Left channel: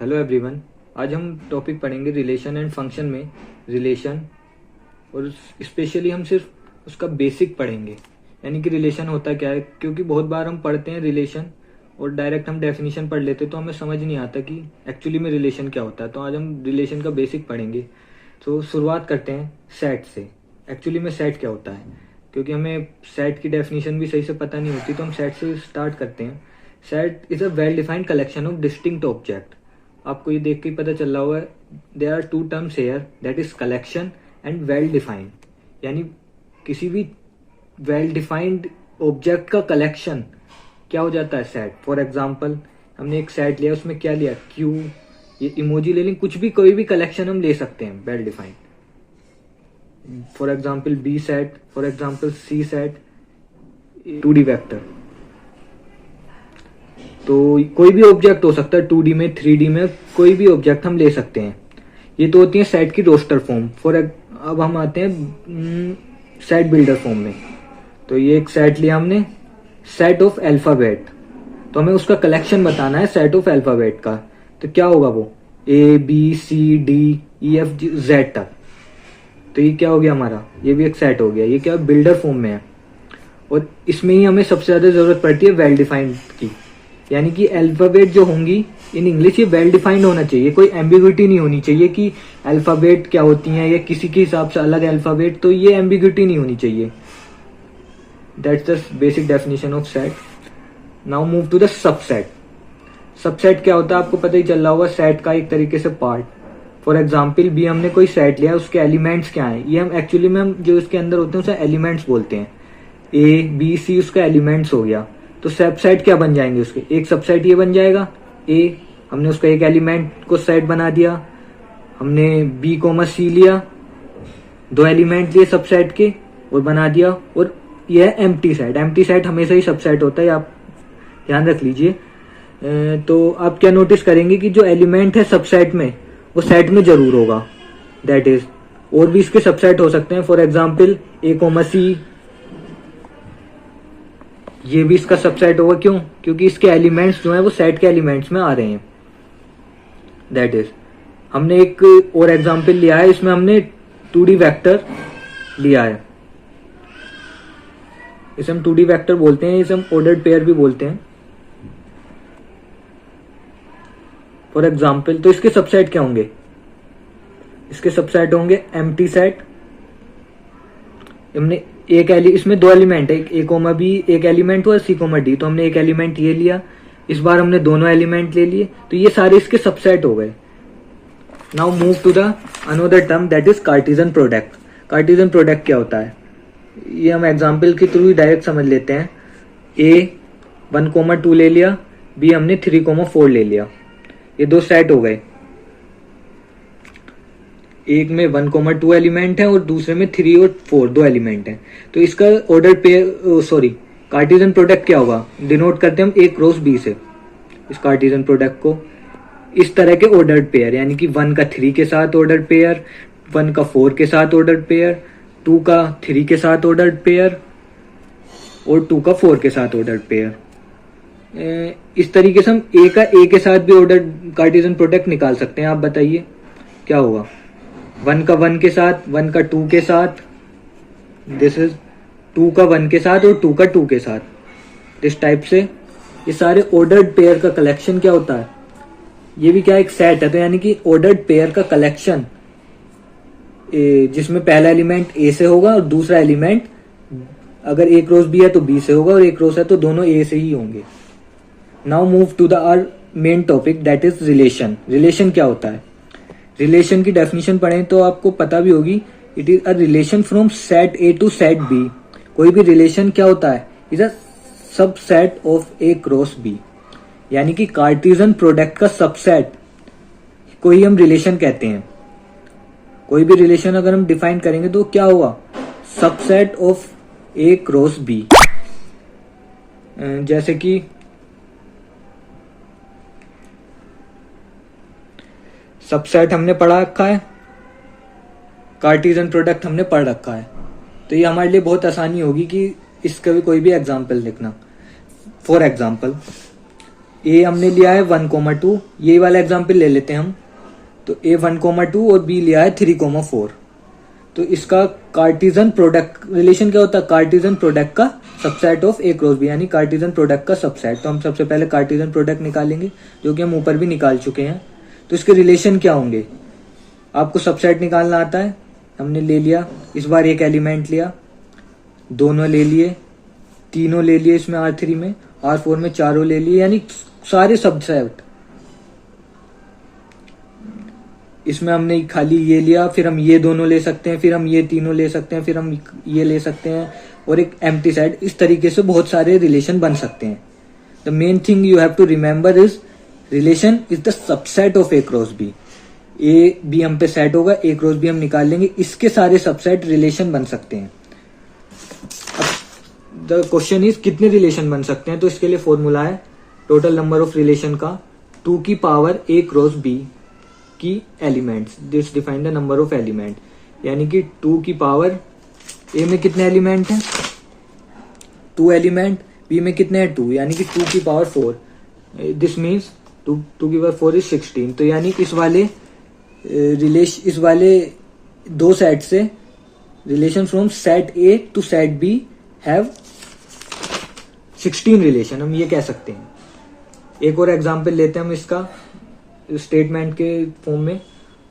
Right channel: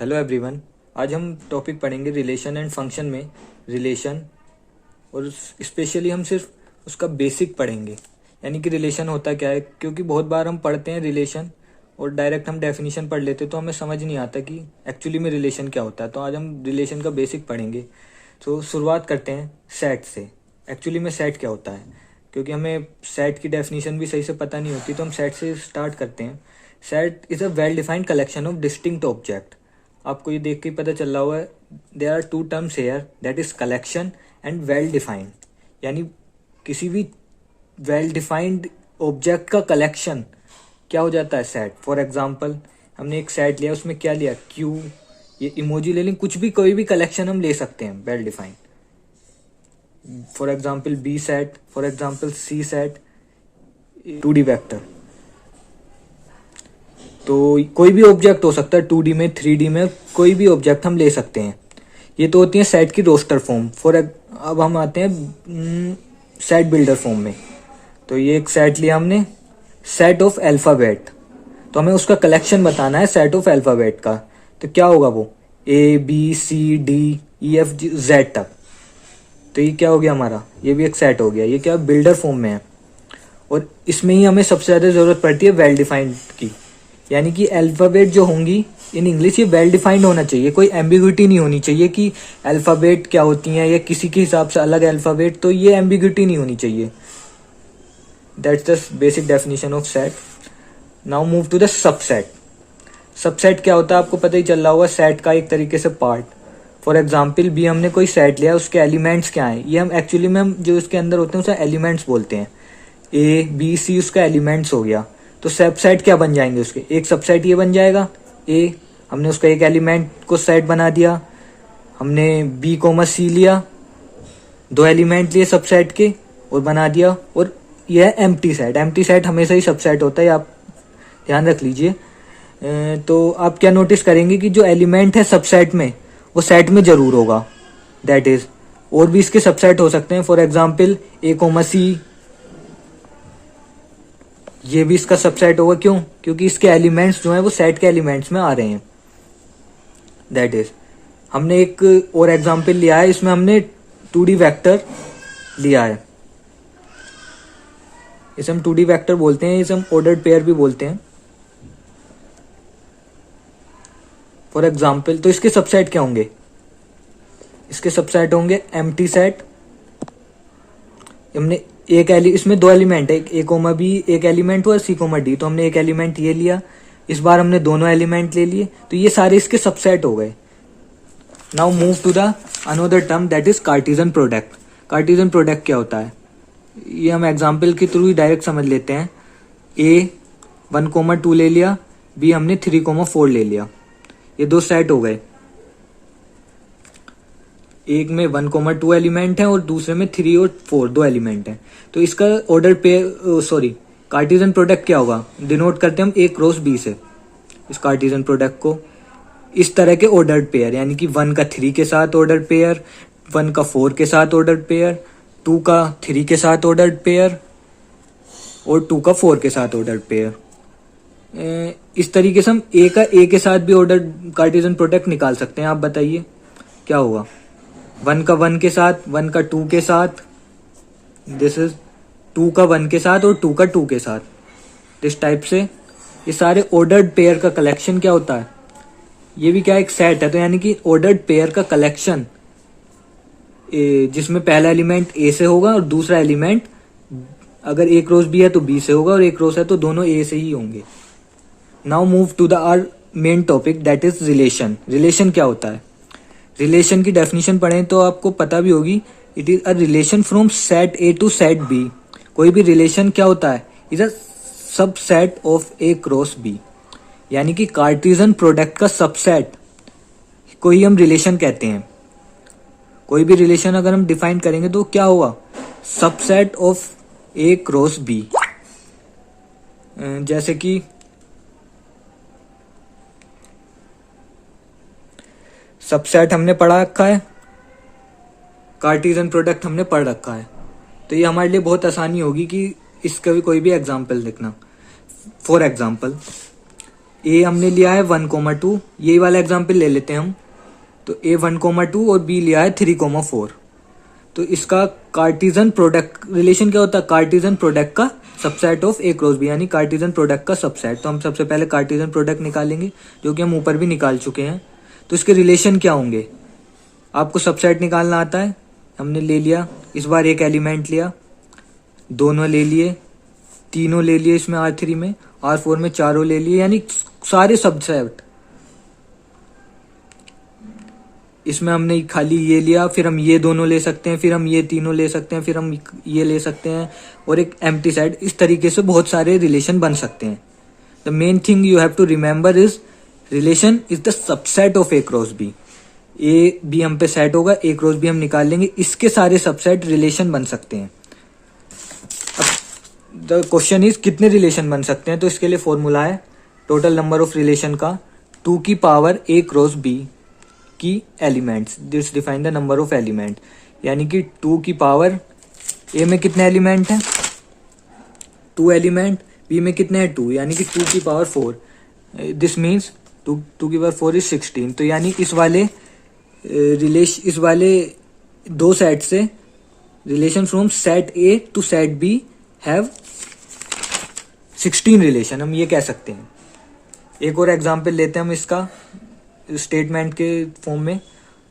Hello everyone. आज हम topic पढ़ेंगे रिलेशन एंड फंक्शन में रिलेशन, और स्पेशली हम सिर्फ उसका बेसिक पढ़ेंगे, यानी कि रिलेशन होता क्या है। क्योंकि बहुत बार हम पढ़ते हैं रिलेशन और डायरेक्ट हम डेफिनेशन पढ़ लेते हैं, तो हमें समझ नहीं आता कि एक्चुअली में रिलेशन क्या होता है। तो आज हम रिलेशन का बेसिक पढ़ेंगे। तो शुरुआत करते हैं सेट से। एक्चुअली में सेट क्या होता है, क्योंकि हमें सेट की डेफिनेशन भी सही से पता नहीं होती, तो हम सेट से स्टार्ट करते हैं। Set is a well defined collection of distinct object. आपको ये देख के पता चल रहा हुआ है, there are two terms here, that is collection and well defined. यानी किसी भी वेल डिफाइंड ऑब्जेक्ट का कलेक्शन क्या हो जाता है, सेट। फॉर एग्जाम्पल हमने एक सेट लिया, उसमें क्या लिया, क्यू, ये इमोजी ले लें, कुछ भी कोई भी कलेक्शन हम ले सकते हैं well defined. For example B set, for example C set, 2D vector. तो कोई भी ऑब्जेक्ट हो सकता है 2D में, 3D में, कोई भी ऑब्जेक्ट हम ले सकते हैं। ये तो होती है सेट की रोस्टर फॉर्म। अब हम आते हैं सेट बिल्डर फॉर्म में। तो ये एक सेट लिया हमने, सेट ऑफ अल्फाबेट। तो हमें उसका कलेक्शन बताना है सेट ऑफ अल्फाबेट का। तो क्या होगा वो, ABCDEFG Z तक। तो ये क्या हो गया हमारा, ये भी एक सेट हो गया। ये क्या बिल्डर फॉर्म में है, और इसमें ही हमें सबसे ज्यादा जरूरत पड़ती है वेल डिफाइंड की। यानी कि अल्फाबेट जो होंगी इन इंग्लिश, ये वेल डिफाइंड होना चाहिए, कोई एम्बिग्यूटी नहीं होनी चाहिए कि अल्फाबेट क्या होती हैं या किसी के हिसाब से अलग अल्फाबेट। तो ये एम्बिग्यूटी नहीं होनी चाहिए। That's the basic definition of set. Now move to the subset. Subset क्या होता है आपको पता ही चल रहा होगा, सेट का एक तरीके से पार्ट। फॉर एग्जाम्पल भी हमने कोई सेट लिया, उसके एलिमेंट्स क्या हैं, ये हम एक्चुअली में हम जो इसके अंदर होते हैं उसे एलिमेंट्स बोलते हैं। A B C उसका एलिमेंट्स हो गया। तो सबसेट क्या बन जाएंगे उसके, एक सबसेट ये बन जाएगा A, हमने उसका एक एलिमेंट को सेट बना दिया। हमने B, C लिया, दो एलिमेंट लिए सबसेट के और बना दिया। और यह है एम्प्टी सेट। एम्प्टी सेट हमेशा ही सबसेट होता है, आप ध्यान रख लीजिए। तो आप क्या नोटिस करेंगे कि जो एलिमेंट है सबसेट में वो सेट में जरूर होगा। दैट इज, और भी इसके सबसेट हो सकते हैं। फॉर एग्जाम्पल A, C, ये भी इसका सबसेट होगा। क्यों, क्योंकि इसके एलिमेंट्स जो है वो सेट के एलिमेंट्स में आ रहे हैं। दैट इज, हमने एक और एग्जांपल लिया है, इसमें हमने 2D वेक्टर लिया है। इसे हम 2D वेक्टर बोलते हैं, इसे हम ऑर्डर्ड पेयर भी बोलते हैं। फॉर एग्जाम्पल, तो इसके सबसेट क्या होंगे, इसके सबसेट होंगे एम्प्टी सेट। हमने इसमें दो एलिमेंट है, A, B एक एलिमेंट हुआ, C, D। तो हमने एक एलिमेंट ये लिया, इस बार हमने दोनों एलिमेंट ले लिए, तो ये सारे इसके सबसेट हो गए। Now move to the another term, that is Cartesian product. Cartesian product क्या होता है, ये हम एग्जांपल के थ्रू डायरेक्ट समझ लेते हैं। A 1, 2 ले लिया, B हमने 3, 4 ले लिया। ये दो सेट हो गए, एक में 1, 2 एलिमेंट है और दूसरे में 3 और 4 दो एलिमेंट है। तो इसका ऑर्डर पेयर कार्टेशियन प्रोडक्ट क्या होगा, डिनोट करते हैं हम A क्रॉस B से। इस कार्टेशियन प्रोडक्ट को इस तरह के ऑर्डर्ड पेयर, यानी कि 1 का 3 के साथ ऑर्डर्ड पेयर, 1 का 4 के साथ ऑर्डर्ड पेयर, 2 का 3 के साथ ऑर्डर्ड पेयर और 2 का 4 के साथ ऑर्डर्ड पेयर। इस तरीके से हम A का A के साथ भी ऑर्डर्ड कार्टेशियन प्रोडक्ट निकाल सकते हैं। आप बताइए क्या होगा, 1 का 1 के साथ, 1 का 2 के साथ, दिस इज 2 का 1 के साथ और 2 का 2 के साथ। इस टाइप से ये सारे ऑर्डर्ड पेयर का कलेक्शन क्या होता है, ये भी क्या एक सेट है। तो यानी कि ऑर्डर्ड पेयर का कलेक्शन जिसमें पहला एलिमेंट A से होगा और दूसरा एलिमेंट अगर A क्रॉस B है तो B से होगा, और A क्रॉस है तो दोनों A से ही होंगे। Now move to the our main topic, that is relation. Relation क्या होता है, रिलेशन की डेफिनेशन पढ़ें तो आपको पता भी होगी, it is a relation from set A to set B। कोई भी रिलेशन क्या होता है, is a subset of A cross B। यानी कि कार्टेशियन प्रोडक्ट का सबसेट को ही हम रिलेशन कहते हैं। कोई भी रिलेशन अगर हम डिफाइन करेंगे तो क्या होगा, subset of A cross B। जैसे कि सबसेट हमने पढ़ा रखा है, कार्टेशियन प्रोडक्ट हमने पढ़ रखा है, तो ये हमारे लिए बहुत आसानी होगी कि इसका भी कोई भी एग्जांपल लिखना। फॉर एग्जांपल ए हमने लिया है 1,2, ये वाला एग्जाम्पल ले लेते हैं हम। तो ए 1,2 और बी लिया है 3,4। तो इसका कार्टिजन प्रोडक्ट रिलेशन क्या होता है? कार्टिजन प्रोडक्ट का subset of A cross B, यानी कार्टिजन प्रोडक्ट का सबसेट। तो हम सबसे पहले कार्टिजन प्रोडक्ट निकालेंगे, जो कि हम ऊपर भी निकाल चुके हैं। तो इसके रिलेशन क्या होंगे? आपको सबसेट निकालना आता है, हमने ले लिया। इस बार एक एलिमेंट लिया, दोनों ले लिए, तीनों ले लिए इसमें R3 में, R4 में चारों ले लिए, यानी सारे सबसेट। इसमें हमने खाली ये लिया, फिर हम ये दोनों ले सकते हैं, फिर हम ये तीनों ले सकते हैं, फिर हम ये ले सकते हैं, और एक एम्प्टी सेट। इस तरीके से बहुत सारे रिलेशन बन सकते हैं। The main thing you have to remember is relation is the subset of A cross B. A B हम पे सेट होगा, ए क्रॉस बी हम निकाल लेंगे, इसके सारे सबसेट रिलेशन बन सकते हैं। द क्वेश्चन इज कितने रिलेशन बन सकते हैं? तो इसके लिए फॉर्मूला है टोटल नंबर ऑफ रिलेशन का 2 की पावर ए क्रॉस बी की elements. This define the number of element, यानी कि 2 की पावर ए में कितने एलिमेंट हैं? 2 एलिमेंट। बी में कितने हैं? 2, यानी कि 2 की पावर 4। दिस मीन्स 2 की पावर 4 इज 16। तो यानी इस वाले दो सेट से relation from set A to set B have 16 relation, हम ये कह सकते हैं। एक और एग्जांपल लेते हैं हम इसका स्टेटमेंट के फॉर्म में।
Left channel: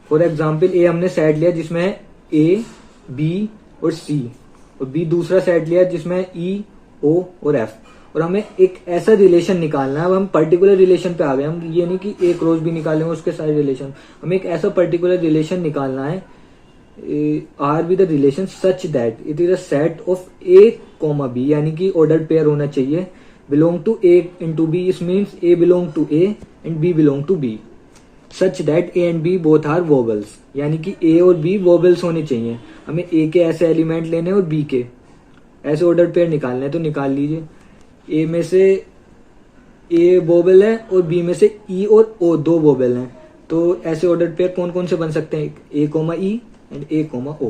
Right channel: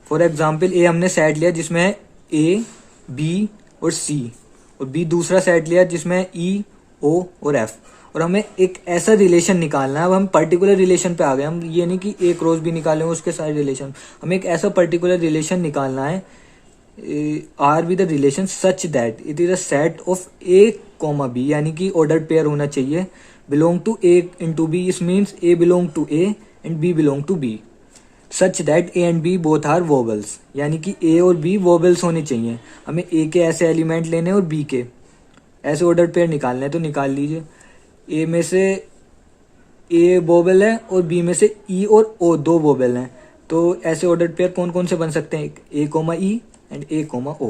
फॉर एग्जांपल ए हमने सेट लिया जिसमें है ए, बी और सी, और बी दूसरा सेट लिया जिसमें है ई, ओ और एफ, और हमें एक ऐसा रिलेशन निकालना है। अब हम पर्टिकुलर रिलेशन पे आ गए, हम ये नहीं कि ए क्रॉस बी निकालेंगे उसके सारे रिलेशन, हमें एक ऐसा पर्टिकुलर रिलेशन निकालना है R be the relation such that it is a set of A comma B, यानी कि ऑर्डर्ड पेयर होना चाहिए, belong to A into B. इस means A belong to A and B belong to B, such that A and B both are vowels, यानी कि ए और B वोबल्स होने चाहिए। हमें ए के ऐसे एलिमेंट लेने और बी के ऐसे ऑर्डर पेयर निकालने हैं। तो निकाल लीजिए, ए में से ए वोबल है और बी में से ई और ओ दो वोबल हैं। तो ऐसे ऑर्डर पेयर कौन कौन से बन सकते हैं? A comma E and A comma O.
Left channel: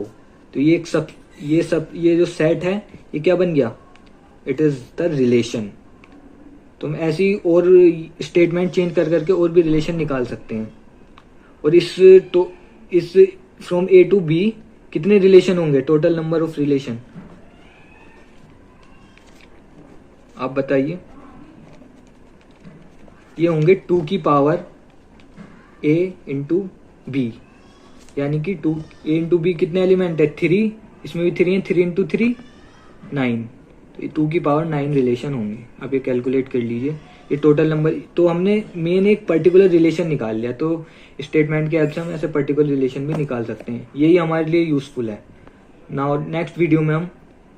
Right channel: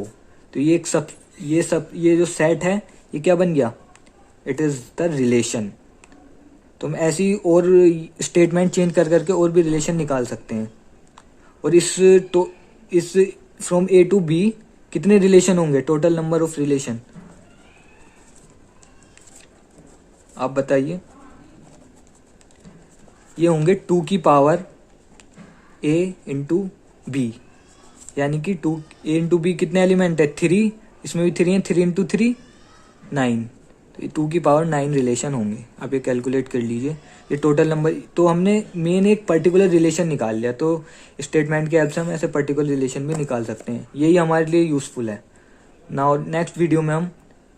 तो ये जो सेट है ये क्या बन गया? It is the relation. तो हम ऐसी और स्टेटमेंट चेंज कर करके और भी रिलेशन निकाल सकते हैं। और इस फ्रॉम ए टू बी कितने रिलेशन होंगे? टोटल नंबर ऑफ रिलेशन आप बताइए। ये होंगे 2 की पावर ए इंटू बी, यानी कि 2 ए इंटू बी कितने एलिमेंट है? 3, इसमें भी 3 है, 3 इंटू 3 9, तो 2 की पावर 9 रिलेशन होंगे। आप ये कैलकुलेट कर लीजिए, ये टोटल नंबर। तो हमने मेन एक पर्टिकुलर रिलेशन निकाल लिया, तो स्टेटमेंट के हेल्प से हम ऐसे पर्टिकुलर रिलेशन भी निकाल सकते हैं। यही हमारे लिए यूजफुल है। नाउ नेक्स्ट वीडियो में हम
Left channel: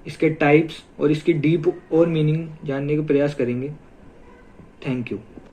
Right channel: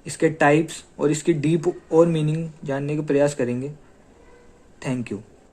इसके टाइप्स और इसकी डीप और मीनिंग जानने का प्रयास करेंगे। Thank you.